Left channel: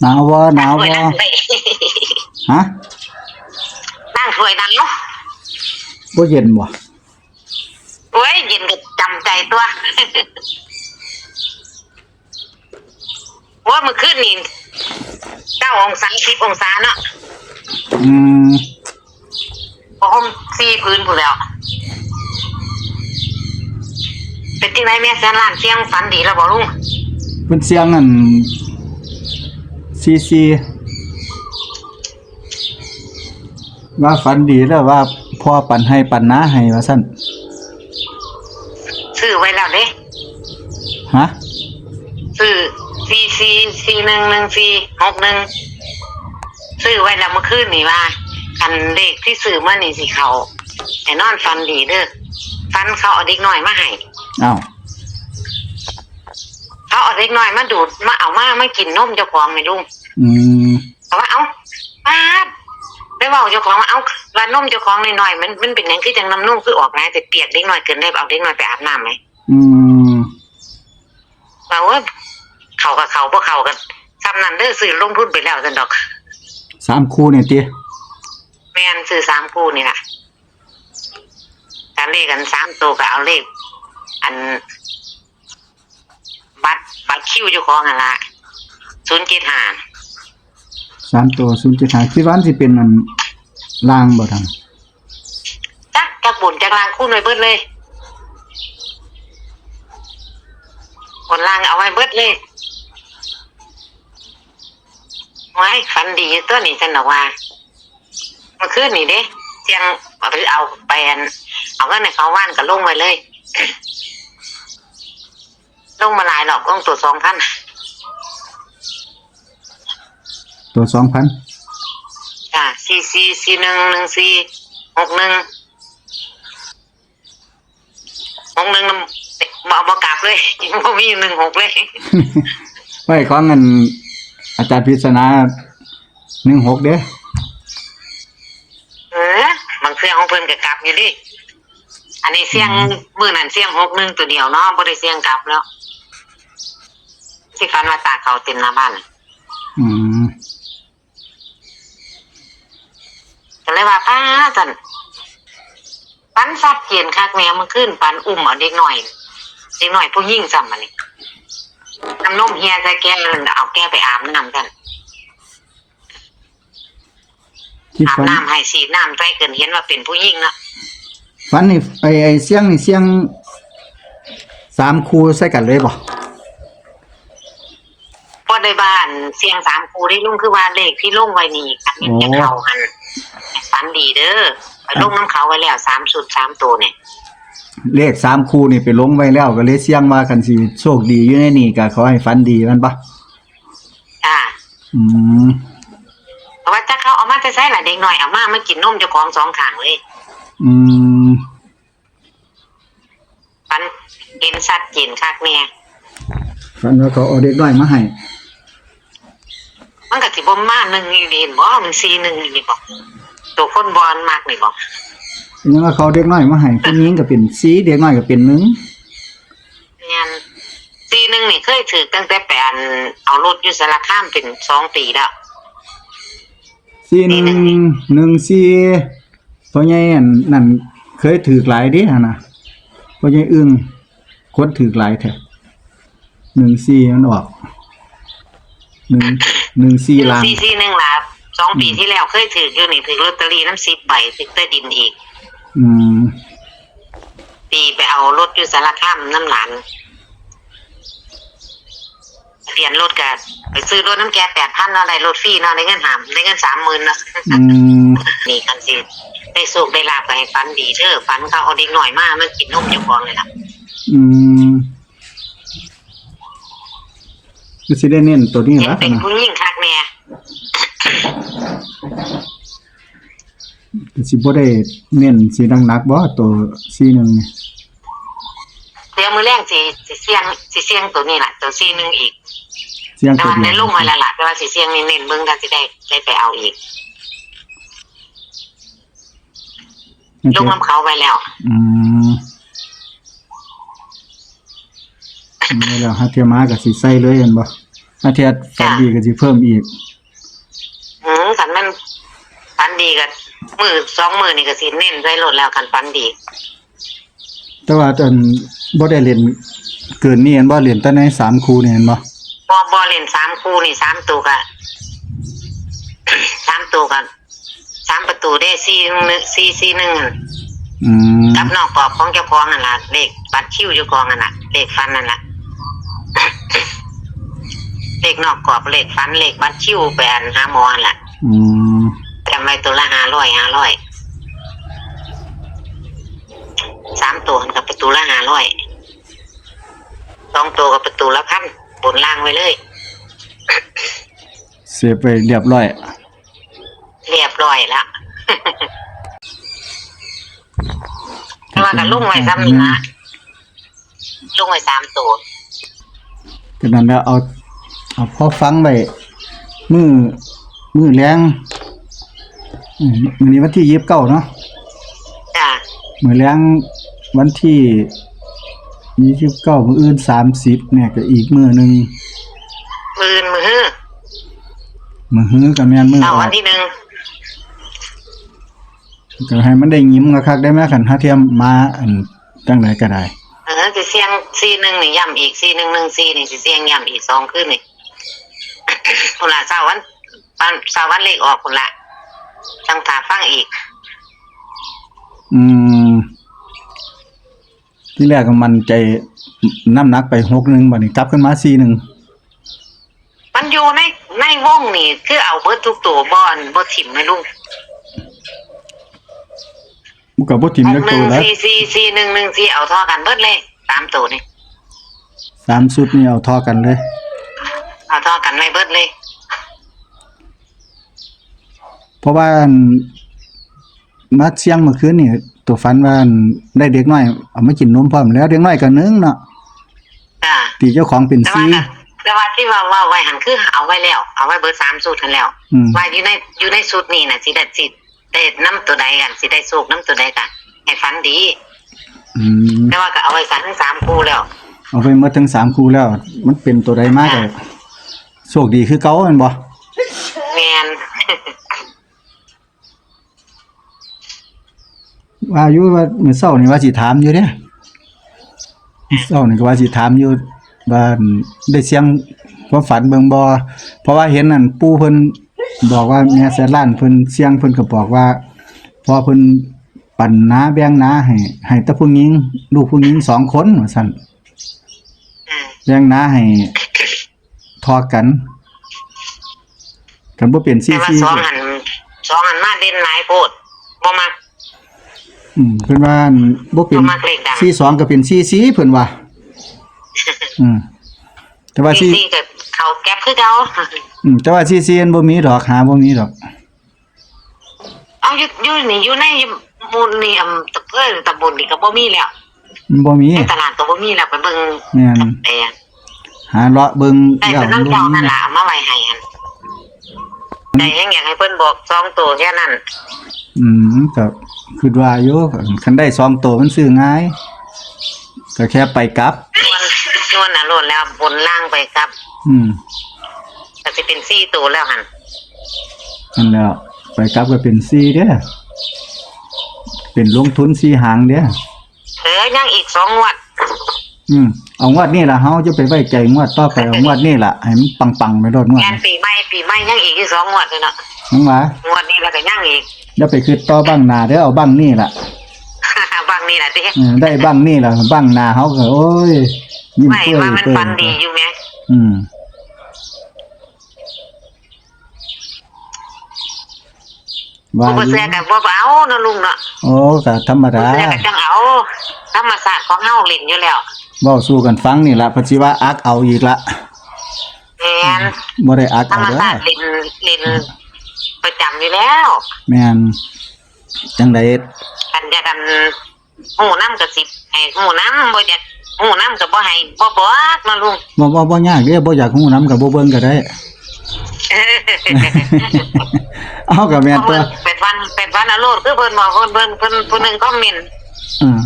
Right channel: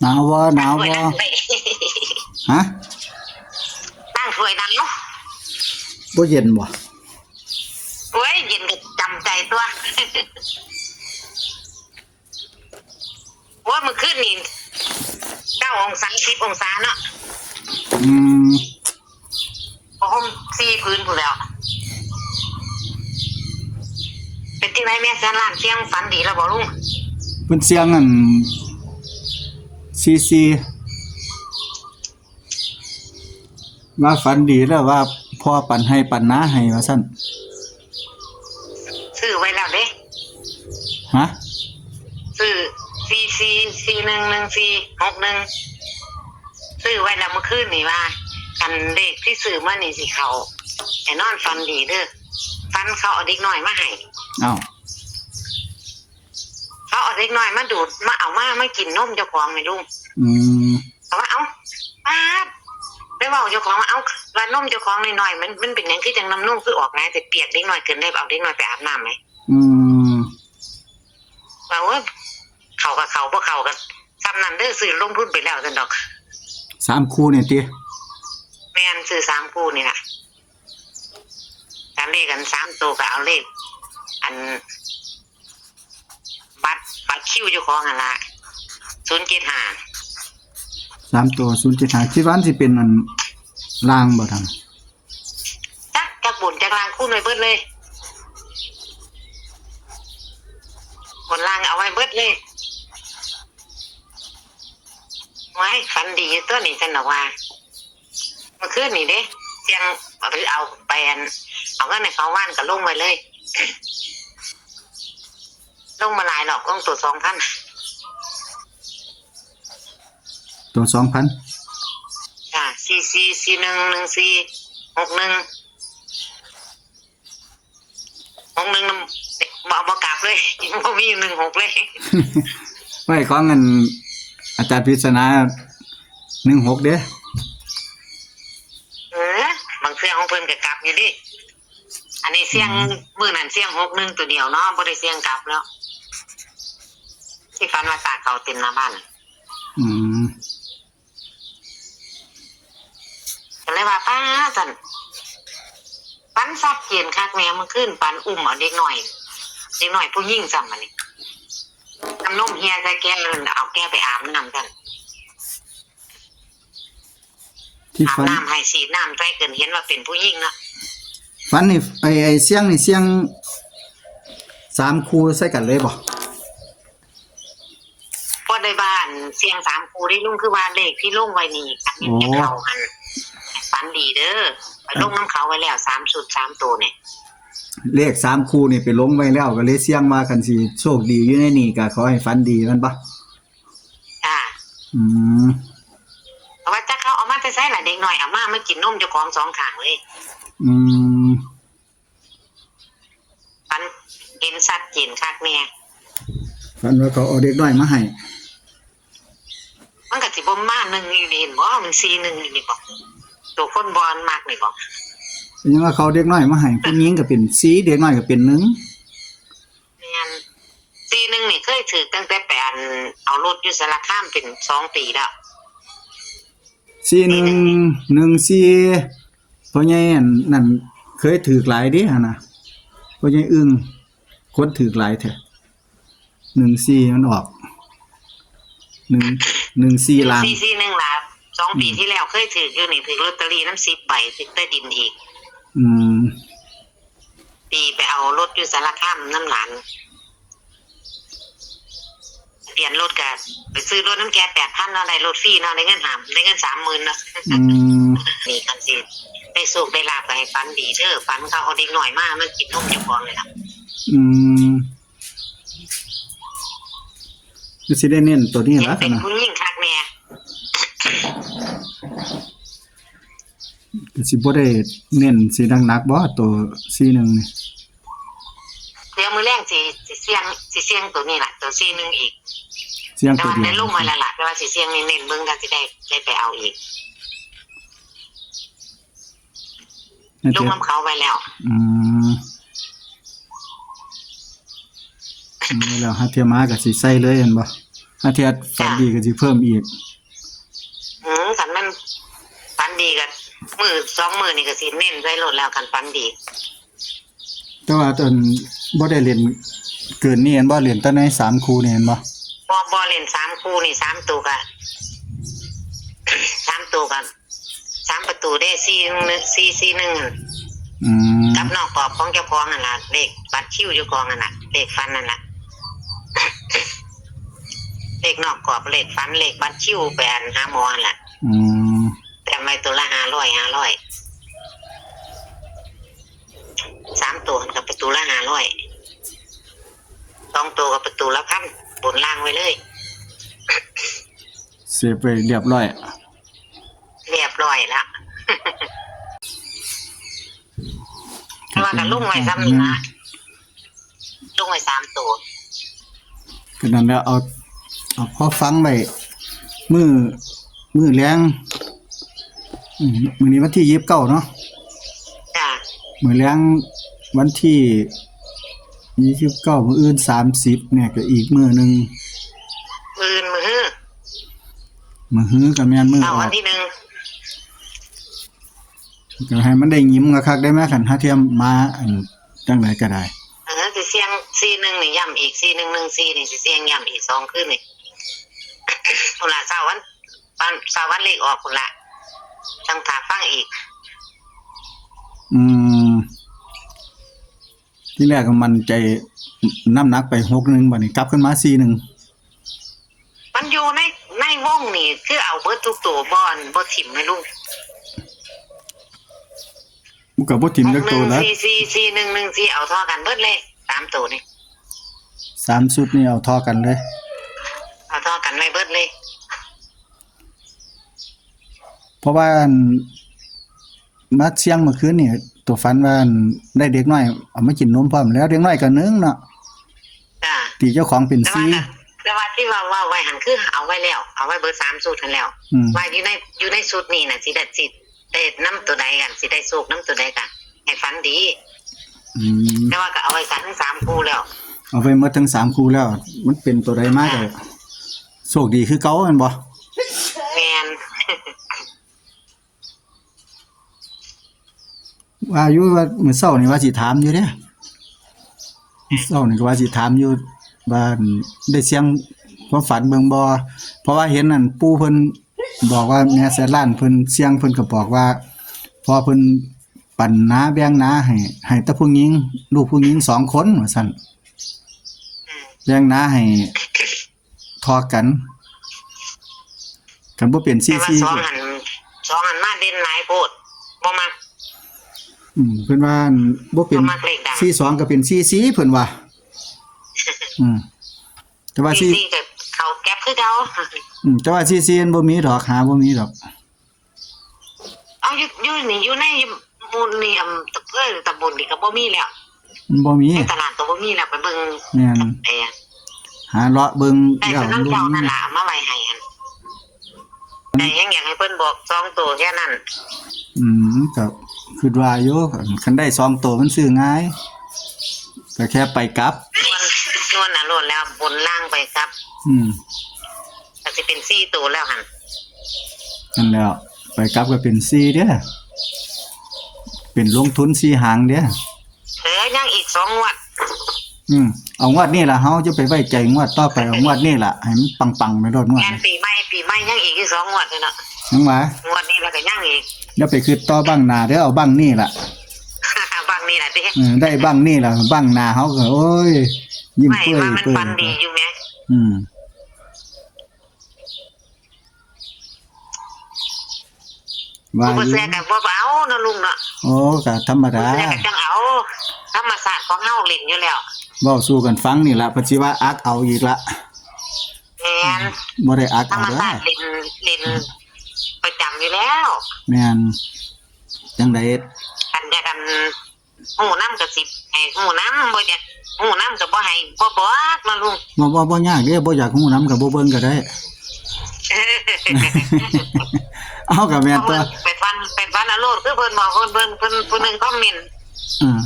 หนาวบ่หนาวบ่ฮะนั่งถ้วยนั่งเนาะบ่เย็นบ่โอ้ยเย็นก็จำใจตัวว่ามันขึ้นนี่9 องศา10 องศาเนาะอืมผม4 พื้นพู้นแล้วเป็นที่ไหนแม่แสนล้านเสียงฝันดีแล้วบ่ลุงเพิ่นเสียงอันซีว่าฝันดีแล้วว่าพ่อปันให้ปันนาให้ว่าซั่นซื้อไว้แล้วเด้ฮะซื้อ44411461ซื้อไว้แล้วเมื่อคืนนี่ว่าคันเลขที่ซื้อมานี่สิเขาให้นอนฝันดีเด้อฝันเขาเอาเด็กน้อยมาให้อ้าวเขาเอาเด็กน้อยมาดูดมาเอามากินนมเจ้าของนี่ลุงเพราะว่าเอาป้าไปเว้าเจ้าของว่าเอาว่านมเจ้าของน้อยๆมันเป็นหยังคือจังน้ำนมคือออกนะแต่เปียกเด็กน้อยเกินได้เอาเด็กน้อยไปอาบน้ำมั้ยว่าว่าเขากับเขาบ่เข้ากันซ้ำนั้นเด้อซื้อลงทุนไปแล้วซั่นดอก3คู่นี่ติแม่นซื้อ3คู่นี่ล่ะถ้าเลขกัน3ตัวก็เอาเลขอันบัตรคิวเจ้าของหั่นล่ะ075 3ตัว075คิดว่าสิเป็นอันล่างบ่ทันจักบุญจักลางคู่ไว้เบิดเลยบนล่างเอาไว้เบิดเลยไว้ฝันดีตัวนี้ฉันบอกว่าเมื่อคืนนี่เด้เสียงเอาไปเอาเงินในเขาว่านก็ลงไปเลยลงมาหลายรอบลงตัว 2,000 ตัว 2,000จ้ะ44411461บ่กลับเลยบ่มี16เลยไว้ของอันอาจารย์พิศนา16เด้บางเสียงของเพิ่นก็กลับอยู่ดิอันนี้เสียงมื้อนั้นเสียง61ตัวเดียวเนาะบ่ได้เสียงกลับแล้วที่ฝันว่าตาเขาเต็มหน้าบ้านก็เลยว่าป้าซั่นปันซัดเขียนคักแม่เมื่อคืนปันอุ้มเอาเด็กน้อยผู้หญิงซ้ำมานี่น้ำนมเฮียใส่แก้วเอาแก้วไปอาบน้ำกันอาบน้ำให้ฉีดน้ำใส่เกินเห็นว่าเป็นผู้หญิงเนาะฝันนี่ไอ้เสียงนี่เสียง3คู่ใส่กันเลยบ่บ่ได้บ้านเสียง3คู่ที่ลุงคือว่าเลขที่ลงไว้นี่อันนี้จะเข้ากันฝันดีเด้อไปลงน้ำเขาไว้แล้ว3ชุด3ตัวเนี่ยเลข3คู่นี่ไปลงไว้แล้วก็เลยเสี่ยงว่าคันสิโชคดีอยู่ในนี่ก็ขอให้ฝันดีมันบ่จ้าเพราะว่าถ้าเขาเอามาจะใช้ล่ะเด็กน้อยเอามากินนมเจ้าของ2ข้างเลยฝันเห็นชัดเจนคักแน่ฝันว่าเขาเอาเด็กน้อยมาให้มันก็สิบ่มา1นี่เห็นบ่มัน41นี่บ่ตัวคนบอลมากนี่บ่ยังว่าเขาเด็กน้อยมาให้ผู้หญิงก็เป็น4เด็กน้อยก็เป็น1เนี่ย41นี่เคยถือตั้งแต่ไปเอารถอยู่สารคามเป็น2 ปีแล้ว4114พ่อใหญ่นั่นเคยถือหลายเด้หั่นน่ะพ่อใหญ่อึ้งคนถือหลายแท้14มันออก14ล้าน441ล่ะ2 ปีที่แล้วเคยถืออยู่นี่ถือลอตเตอรี่นำ10 ใบถือใต้ดินอีกปีไปเอารถอยู่สารคามน้ำหลานเปลี่ยนรถกันไปซื้อรถน้ำแก 8,000 เนาะได้รถฟรีเนาะได้เงิน30,000เนาะนี่กันสิได้สุขได้ลาภให้ฝันดีเด้อฝันเขาเอาเด็กน้อยมากินนมเจ้าของเลยล่ะคือสิได้เน้นตัวนี้ล่ะเป็นผู้หญิงคักแม่สิบ่ได้เน้นสิหนักๆบ่ตัว41นี่เดี๋ยวมื้อแรงสิเสียงตัวนี้ล่ะตัว41อีกเสียงตัวนี้ได้ลงมาแล้วล่ะแต่ว่าสิเสียงนี่เน้นเบิ่งก็สิได้ไปเอาอีกลงน้ำเขาไว้แล้วแล้วหาเทียมาก็สิใส่เลยเห็นบ่ อาเทียฝันดีก็สิเพิ่มอีก คันมันฝันดีก็มือ2 มื้อนี่ก็สิเน้นใส่รถแล้วคันฝันดี แต่ว่าตอนบ่ได้เล่นเกินนี้เห็นบ่เล่นแต่ใน3คู่นี่เห็นบ่ บ่เล่น3คู่นี่3ตัวก็ 3ตัวก็3ประตูได้4-1 อืม กับนอกกรอบของเจ้าของนั่นล่ะเลขบัตรคิวเจ้าของนั่นน่ะเลขฟันนั่นล่ะ เลขนอกกรอบเลขฟันเลขบัตรคิวแบนหาหมอนั่นล่ะ อืม จำไว้ตัวละ500 3ตัวกับประตูละ500 2ตัวกับประตูละ1,000บนล่างไว้เลย เสียไปเรียบร้อย เรียบร้อยละแต่ว่าก็ลุงไว้ซ้ำนี่นะลุงไว้3ตัว ก็นั่นแล้วเอาพอฟังไว้มื้อแรงมื้อนี้วันที่29เนาะ จ้ะ มื้อแรงวันที่29มื้ออื่น30เนี่ยก็อีกมื้อหนึง มือ มื้อฮื้อก็แม่นมื้อ เอา ออ วัน ก ที่ 1 ก็ให้มันได้ยิ้มคักๆได้ไหมคันหาเทียมมาอันจังไดก็ได้ สิเสียง41นี่ย้ำอีก4114นี่สิเสียงย้ำอีก2คืนนี่ พุ่นละเช้าวันเลขออกพุ่นละจังถาฟังอีก อืมที่แรกก็มั่นใจน้ำหนักไป61บัดนี้กลับขึ้นมา41 มันอยู่ในวงนี่คือเอาเบิดทุกตัวบ่ถิ่มให้ลุง มันก็บ่ทิ่มจักตัวแล้ว 4114เอาเท่ากันเบิดเลย3ตัวนี่ 3ชุดนี่เอาเท่ากันเลย เอาเท่ากันไว้เบิดเลย เพราะว่าอันมาเชียงเมื่อคืนนี่ตัวฝันว่าอันได้เด็กน้อยเอามากินนมพร้อมแล้วเด็กน้อยก็นึงเนาะ จ้ะ ตีเจ้าของเป็น แต่ว่าที่ว่าไว้หันคือเอาไว้แล้วเอาไว้เบิด3สูตรกันแล้ว ว่าอยู่ในสูตรนี้น่ะสิได้นํตัวใดกันสิได้โชคนํตัวใดกันให้ฝันดี แต่ว่าก็เอาไว้กันทั้ง3คู่แล้ว เอาไปหมดทั้ง3คู่แล้ว มันเป็นตัวใดมาได้โชคดีคือเก่าแม่นบ่ แม่น ว่าอยู่ว่ามื้อเช้านี่ว่าสิถามอยู่เด้มื้อเช้านี่ก็ว่าสิถามอยู่ว่าได้เสียงความฝันเบิ่งบ่เพราะว่าเห็นนั่นปู่เพิ่นบอกว่าแม่แสนล้านเพิ่นเสียงเพิ่นก็บอกว่าพอเพิ่นปั่นนาแบ่งนาให้แต่ผู้หญิงลูกผู้หญิง2คนว่าซั่นแบ่งนาให้ทอกันกันบ่เป็น แต่ว่า 44 สองหันมาเด่นหลายโพดบ่มัก เพิ่นว่าบ่เป็น บ่มักเลขดัง 42ก็เป็น44เพิ่นว่าแต่ว่า ซี่ก็เขาแก๊ปคือเก่า แต่ว่า44มันบ่มีดอกหาบ่มีดอก เอาอยู่นี่อยู่ในหมู่นี่ตะเพิ่นตำบลนี่ก็บ่มีแล้ว มันบ่มี ในตลาดก็บ่มีแล้วไปเบิ่ง แม่น แต่ หาเลาะเบิ่ง ได้ แล้ว เป็นน้ำเจ้านั่นล่ะเอามาไว้ให้หั่นแต่ยังอยากให้เพิ่นบอก2ตัวแค่นั้น ก็คิดว่าอยู่คันได้2ตัวมันซื้อง่ายก็แค่ไปกลับ นวลน่ะโลดแล้วบนล่างไปครับ ก็สิเป็น4ตัวแล้วหั่น นั่นแหล้วไปกลับก็เป็น4เด้อเป็นลงทุน4หางเด้อ ยังอีก2งวด เอางวดนี้ล่ะเฮาจะไปไว้ใจงวดต่อไปเอางวดนี้ล่ะให้มันปังๆไปโดดงวด งานปีใหม่ยังอีกอยู่2งวดเลยเนาะ ยังว่าง วดนี้แล้วก็ยังอีก อย่าไปคิดต่อบังหน้าเด้อเอาบังนี่ล่ะ บางนี่ล่ะติ ได้บังนี่ล่ะบังหน้าเฮาก็โอ้ยยิ้ม ไม่ เปื้อ ว่ามัน เปื้อ ฟันดีอยู่แม่ ว่า บ่แซ่ก็บ่เอาเนาะลุงเนาะ โอ้ก็ธรรมดา แซ่ก็จังเอาธรรมศาสตร์ของเฮาเล่นอยู่แล้ว เว้าสู้กันฟังนี่ล่ะเพิ่นสิว่าอักเอาอีกละ แม่น บ่ได้อัก ธร เอา รม เด้อ ศาสตร์เล่นประจำอยู่แล้ว แม่นจังได๋ กันจะกันหูน้ำก็สิให้หูน้ำบ่อยากหูน้ำก็บ่ให้บ่บอกเนาะลุง บ่ยากเด้อบ่อยากฮู้นำก็บ่เบิ่งก็ได้ เอาก็แม่นตัว เป็ดวันอโลดคือเพิ่นบอกเพิ่นนึงคอมเมนต์ อ่า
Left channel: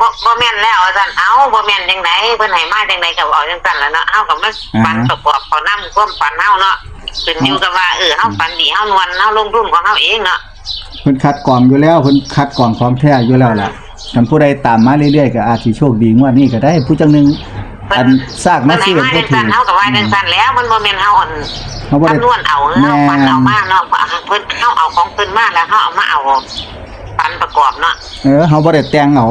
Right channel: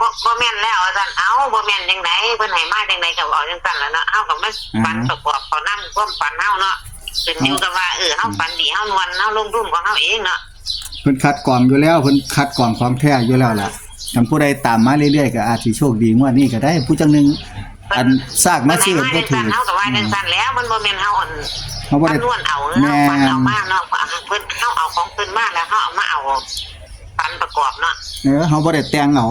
บ บ่แม่นแล้วอาจารย์เอาบ่แม่นจังไดเพิ่นให้มาจังไดก็เอาจังซั่นล่ะเนาะเฮาก็มาฝันประกอบเอานำความฝันเฮาเนาะขึ้นอยู่กับว่าเฮาฝันดีเฮานวลเฮาลงทุนของเฮาเองเนาะ เพิ่นคัดกรองอยู่แล้วเพิ่นคัดกรองของแท้อยู่แล้วล่ะคันผู้ใดตามมาเรื่อยๆก็อาจสิโชคดีงวดนี้ก็ได้ผู้จังหนึงอันซากมาซื้อ เพิ่น บ่ ให้ ถื มา อ เฮาก็ว่าจังซั่นแล้วมันบ่แม่นเฮาอ่อน เฮาบ่ได้ คำนวณเอาเฮาฝันเอามาเนาะเพิ่นเฮาเอาของเพิ่นมาแล้วเฮาเอามาเอาฝันประกอบเนาะ เฮาบ่ได้แต่งเอา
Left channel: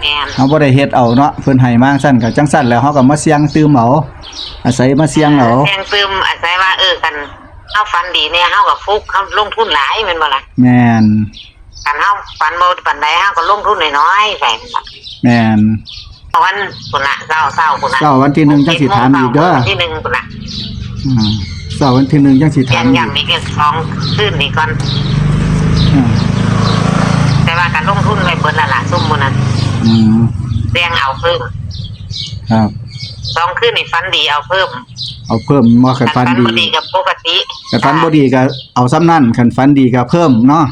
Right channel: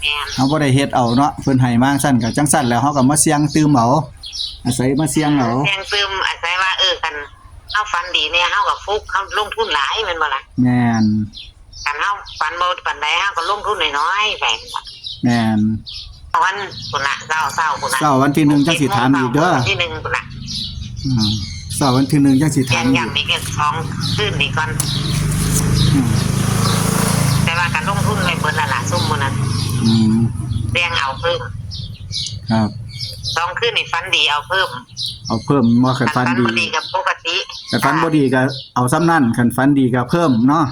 แม่น เฮาบ่ได้เฮ็ดเอาเนาะเพิ่นให้มาซั่นก็จังซั่นแล้วเฮาก็มาเสี่ยงตื่มเอาอาศัยมาเสี่ยงเอา แจ้งซึมอาศัยว่ากันเฮาฝันดีเนี่ยเฮาก็ฟุกเฮาลงทุนหลายแม่นบ่ล่ะ แม่น กันเฮาฝันบ่ปานใดเฮาก็ลงทุนน้อยๆไป แม่น วันพุ่นน่ะเช้าพุ่นน่ะ เช้าวันที่1จังสิถามอีกเด้อ วันที่1พุ่นน่ะ เช้าวันที่1จังสิถามอีก ย้ำนี่ก็2คืนนี่ก่อน อืม แต่ว่าการลงทุนไว้เบิดละล่ะซุ่มมื้อนั้น อืม แบ่งเอาเพิ่ม ครับ 2คืนนี่ฝันดีเอาเพิ่ม เอาเพิ่มบ่คันฟัน ฝัน ดี บ่ดีกับปกติ คันฟันบ่ดีก็เอาซ้ำนั่นคันฟันดีก็เพิ่มเนาะ